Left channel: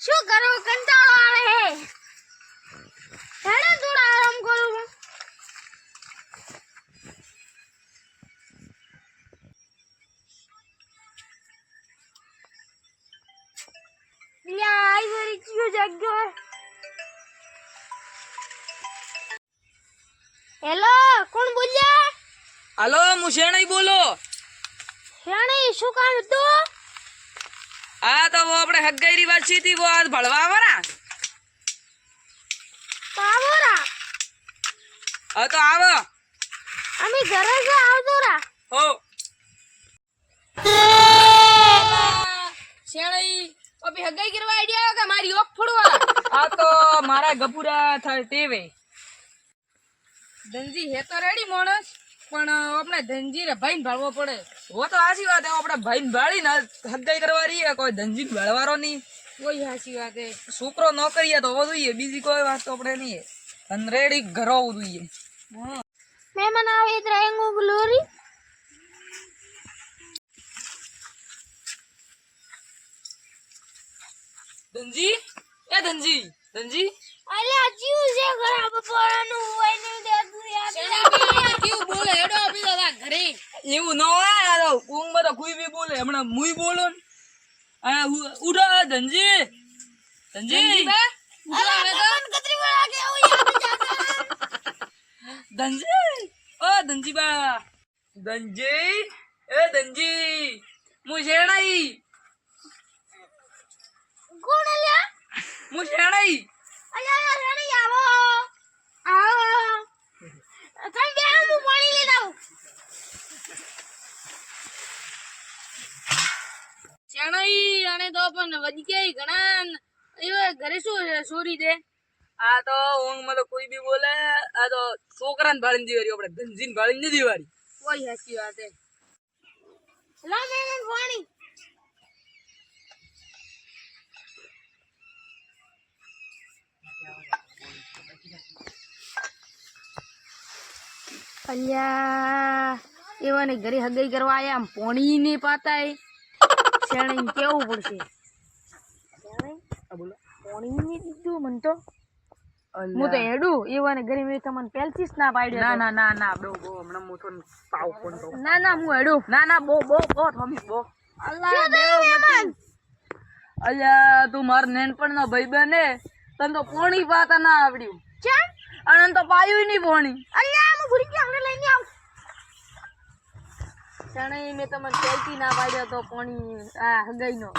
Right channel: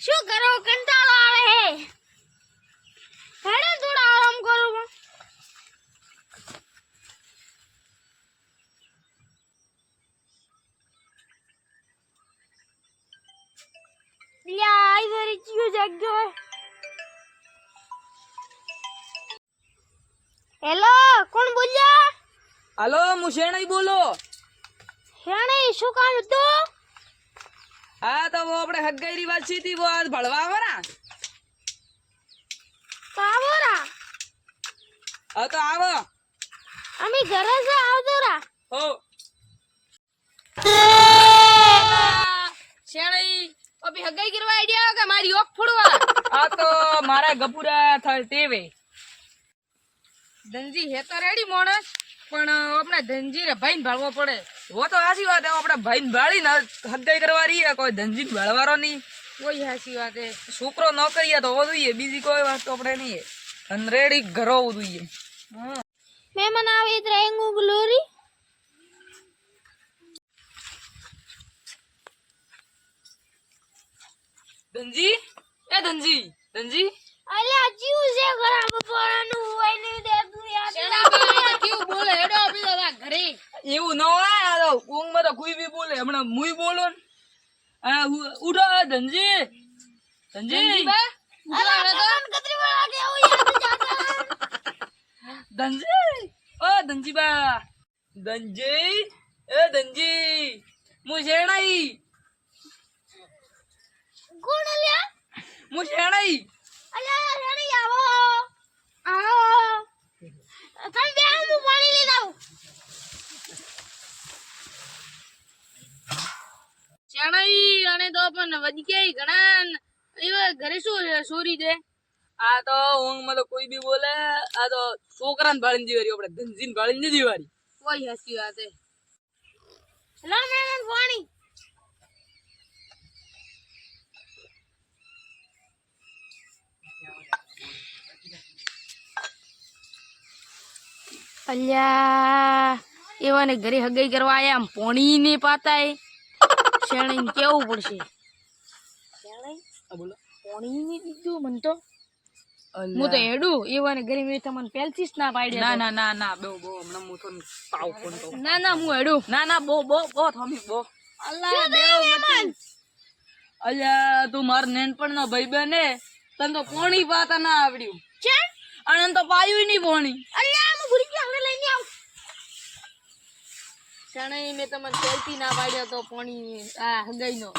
શું કરો કંટાળો આવે હે હેડો થોડા આરામ કરું લ્યા આઈ વરી ક્યો જાગ્યો હેલો કોણ બોલ્યા હાલો હું શેણાઈ બોલો હેણે શું કામ હતું હા તો वो આપણે હગાઈરી વાત છી થી वो आज ભળવા આવરા પાવરા હા તો આવો અમે ઘરે છે આવજો રા હો શેણાઈ અભી હગાઈ કરવા આઈડિયા કે મારી ઓક ફોડવા આ તો મારા ગપુરા ટેવે ધનજી હે તો રેડી માણસ પણ આપણે ધનજી રે ભાઈને ભાળવો પડે वो तो हासी बात है अपना भाई बाड़ी ना हगाई करवा रही है कोई धनजी भाड़वारो नहीं वही हासी बात है छोकरो नौकरी है तो वो दुई है बीजी कोई बात तो अपने नहीं है अनरेडी घरो दुई है हां मेहमान आवे इधर आएंगे ग्लोरी धनजी ए धनजी धनजी अरे जीव से खराब पोराનું હોય નહીં દેતું યાર શેના કેવું બોલે હેડો આપી દો ઘરે એવું ન હોય આ ઊંઘ માં તો કોઈ બી બોલે હમણાં મુઈ બોલો ને આ ઉઠો ધનજી ધનજી અરે કોણ કતરી વાળા કે આવું યાર જાતા ધનજી ઓ ધનજી બા ધનજી એ ધનજી મુ શેણાઈ કોણ લ્યા મુ શેણાઈ અલ્યા રેડી આવો આવો તમે બે હું પાણી લઈ આવું શેણાઈ અને તો પણ વધી ગયા ઘણા એ ઘરે શું સોરી દે આ તો ઊંઘ માં તો કોઈ બી બોલે આ તો છોકરાને ભાળીને દીવારી આપણે ધનજીને ભાળીને નથી દીવારી કોઈ હાચી વાત હે લા મેમન પાણી અલ્યા એવાને ઘરે હગાઈ કરવા આયા આમ પોણી ને પાતાય શેણી કેવું પડશે શેણી આ બોલો પોણી ને દીધું મન તો હું તો હેડું એવાને ઘરે મેં તમને પહેલથી જ ના પાડ્યા ના ના ના ના બહુ બહુ હમણાં હું તો પાવ ફોન તો ના ના હું હેડું ના ના બહુ બહુ બહુ થોમી બહુ અલ્લાહ દેવ મતી અલ્યા તું માર નેનપણ નો ભાઈ બને તને તો પોણી પાતા ના આવડ્યું ચા અને તો પાયું નહીં પોણી અલ્યા હું ભૂલી ગયો હમણાં લઈને આવ શણે મેં તમને પહેલથી ના પાડ્યો તો પોણી આ હગાઈ નો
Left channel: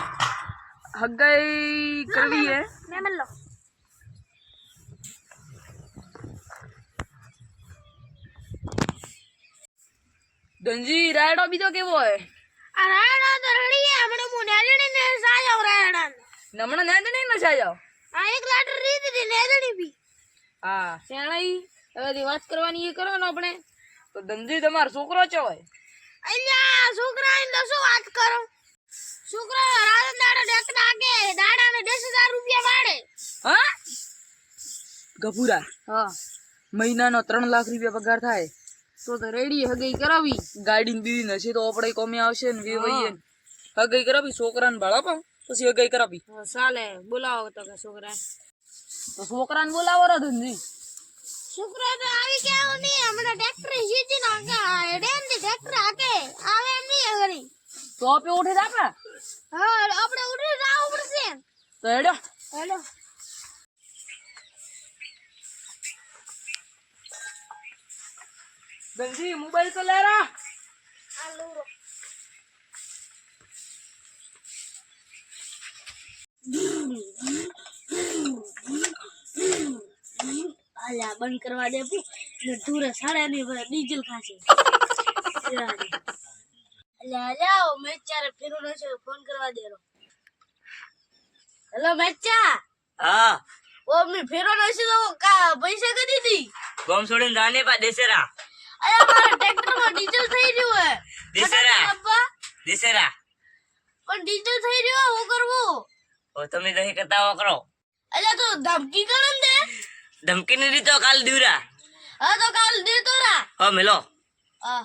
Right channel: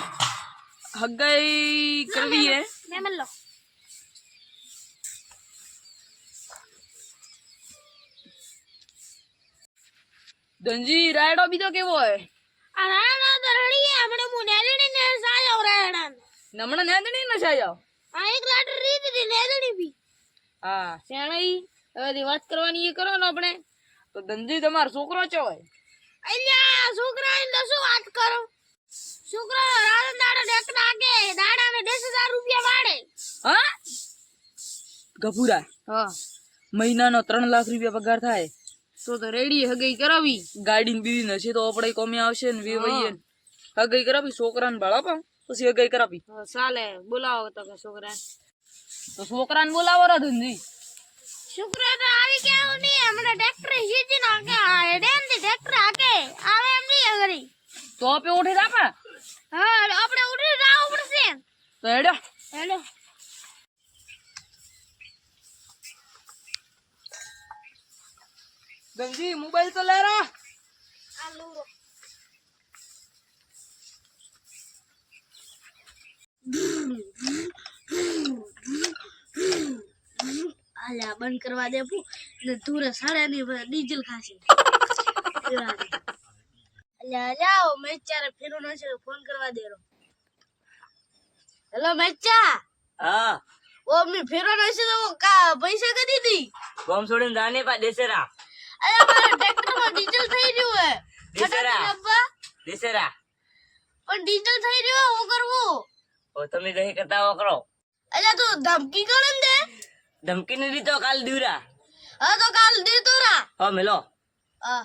હગાઈ કરવી હે મેમન લો ધનજી રાયડો બીજો કેવો હે આ રાણા તો રડી હે હમણાં હું નેદણી ને સાયો રાણા નમણો નેદણી ન છાયો આ એક લાટર રીત દી નેદણી બી હા શેણાઈ હવે વાત કરવાની એ કરો ને આપણે તો ધનજી તમારો છોકરો છે હોય અલ્યા છોકરાને તો શું વાત કરો છોકરા રાત દાડા ડેક નાકે દાડાને 10,000 રૂપિયા વાડે હા ગફુરા હા મહિનાનો 3 લાખ રૂપિયા પગાર થાય તો રેડી હગાઈ કરાવી ગાડીને બીવી નશે તો આપણે કોમે આવશે ને વેવાઈએ હગાઈ કરાવી છોકરાને ભાળા પછી હગાઈ કરાવી ચાલે બોલાવો તો કે છોકરા તો છોકરાને બોલાવો રે ધનજી છોકરા તો આવી કેવું નહીં હમણાં ટ્રેક્ટર સીધી નાકે ડેમ થી ટ્રેક્ટર આકે આવે એમ નહીં ઘરી તો આપે ઉઠી આપે હા આપણે ઉઠી રાવ પડશે તો હેડો હેલો ધનજી મોબાઈલ તો લેરા આ લૂરો અલ્યા બંધ કરવા દે પુ ને તુરે સાડા ની ડીઝલ ખાશે અલ્યા જાઓ મેચારે ફેરો નશે ફોન કરવા દેરો હેલો મેચા હા ઓ મે ફેરો નશે તો કા પૈસા કદી દી ગોમ છોડીને જાને પા દેસેરા અલ્યા મારા ટ્રેક્ટર માં ડીઝલ થઈ રહ્યું હે દેસેરા અબ્બા દેસેરા પણ ડીઝલ થઈ રહ્યું હું કરવું ઓ તમે દહી કરતા કરો અલ્યા તું ધમકી કરે દે ધમકી નહીં દીધો કાલ દીવરા હા તો કાલ દે તો રા હો મેલો આ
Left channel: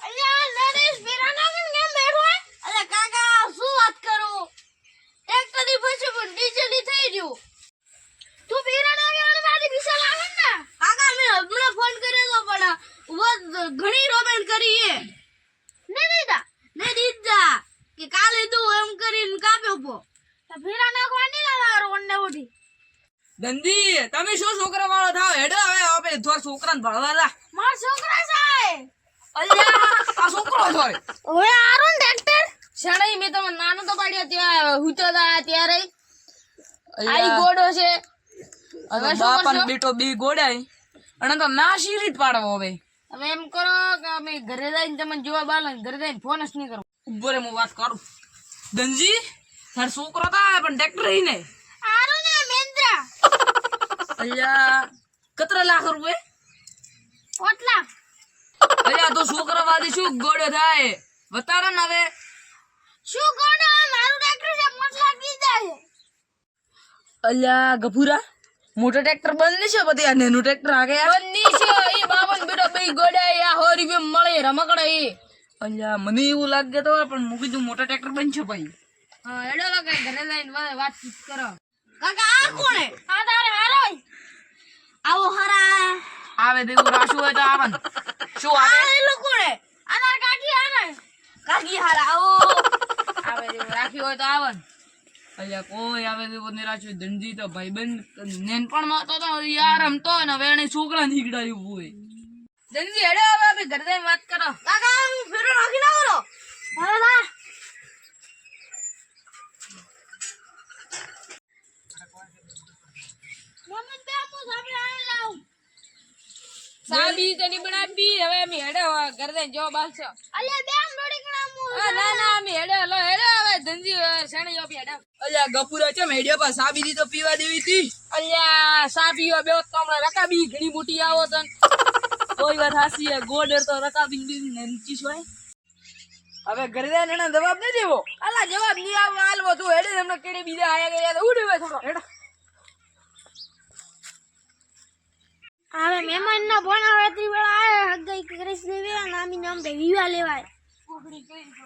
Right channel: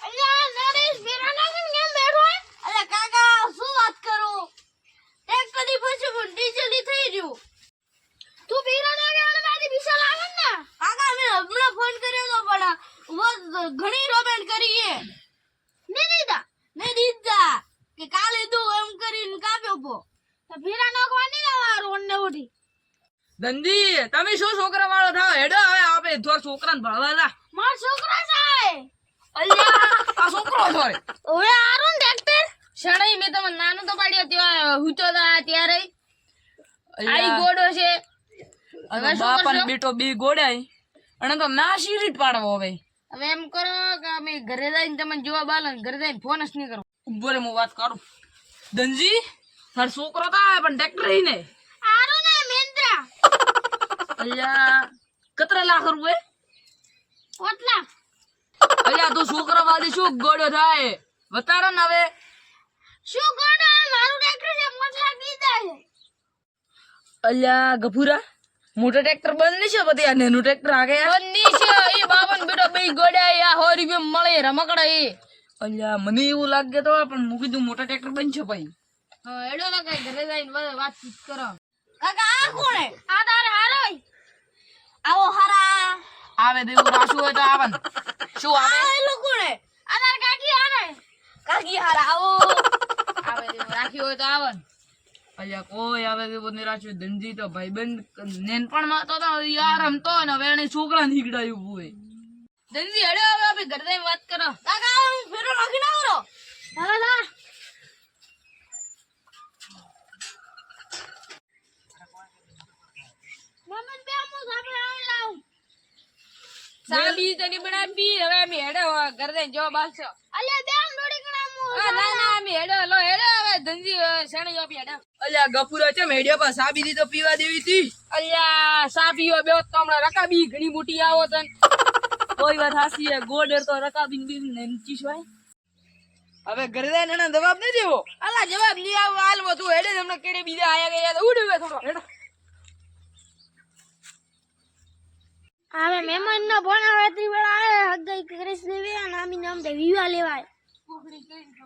અલ્યા નરેશ ફેરા ના કેમ બેઠો હે અલ્યા કાકા શું છે પણ ડીજેલી થઈ રહ્યું તું પીરા ના આવે તારી વિશાલ આવે ને કાકા મેં હમણાં ફોન કર્યો તો પણ ઘણી રોમેન્ટ કરી એ ને દીધા કે કાલે તું એમ કરીને કાપ્યો પો તો પીરા નાખવાની ના વાર ઓને બોડી ધનજી તમે શું છોકરા વાળો થાવ હેડો હવે આપણે થોડા છોકરાને ભણવા જા માર છોકરા છે અલ્યા આ છોકરો હોય ઓએ આરો ને ટ્રેક્ટર શરણાઈ મેં તમને નાનો તો પાડ્યો ત્યાં હુતો તા ત્યારે આઈ ગોડો છે હવે બાપાને બેટો બે ગોડાય અને તો ના શીરી પાડવો હવે હવે એમ કરો કે અમે ઘરે જઈને તમને જવાબ આલો ને ઘરે જઈને ફોન જ નહીં કરો ઉભો રે હું વાત કરું ધનજી તાર છોકરો તો આવે પણ ટ્રેક્ટર ને આરો ને મેન્દ્રા અલ્યા કતરા લાખ રૂપિયા ઓટલા અલ્યા તો છોકરા વાળી શું ગોડો થાય બતાડો ને હવે શું ગોડો મારું ટ્રેક્ટર છે મતલા દીધા છે અલ્યા ગફુરા મોટો ટ્રેક્ટર બંધ નહીં છે બધી આ નેનું ટ્રેક્ટર આગે બંધ નહીં છે એ બાવન બેટો બે ગોડા આ 100 રૂપિયા મળે રમકડા એ અલ્યા મને એવું લાગે તો પણ હું કીધું મોટા ટ્રેક્ટર બંધ છે ભાઈ હા એડો કાકા ઘરે જઈને વાતચીત કરો કાકા આ કોણે આ તારે હારો આવો હારા આવે દેવું રાશું હોય તો આવન શું આવે આ એ લોકોને આ તાર કાકી આને કાકી હારા આવો આવે દેવું રાખ્યું હોય તો આવન અલ્યા કોઈ આવે દેવું નહીં રાખ્યું ધનજી તો ભાઈબંધ નેનપણમાં તો યાર રમતો ને હવે એને છોકરા નીકળાયું હોય ધનજી હેડો હવે આપણે ઘરે જઈને વાત કરો કાકા હું ફેરો નાખી નાખો હા વાહ મમ્મી બે હું સાબડા લાવ સાબી તની બનાવી હવે અમે હેડો ઘરે જઈને જવાબ આલશો અલ્યા બે આમ દોડી કણા હું ના ના અમે હેડો હવે ધનજી શેણે આપી હેડો અલ્યા ગપુરા છે મેડિયા પર સાબી દી તો પીવા દેવી હતી અલ્યા સા પીવા બેહો તો હમણાં રકાબી ઘણી મોટી આવો તન કોઈ વાત હાસી હે ગોડર તો રકાબી બી નેનચી હોય હવે ઘરે જઈને એના જવાબ ન દેવો અલા જવાબ ની આવ આલવો તું હેડે હમણાં કેડે બીજા આયા ગયા ઉડી વે થોડો હેડો હવે મહેમાન ના ભણા વેતરી વેળા આવે હગાઈ કરીશ દેવી અને આમી નામ દે વિવા લેવાય કુકડી કઈ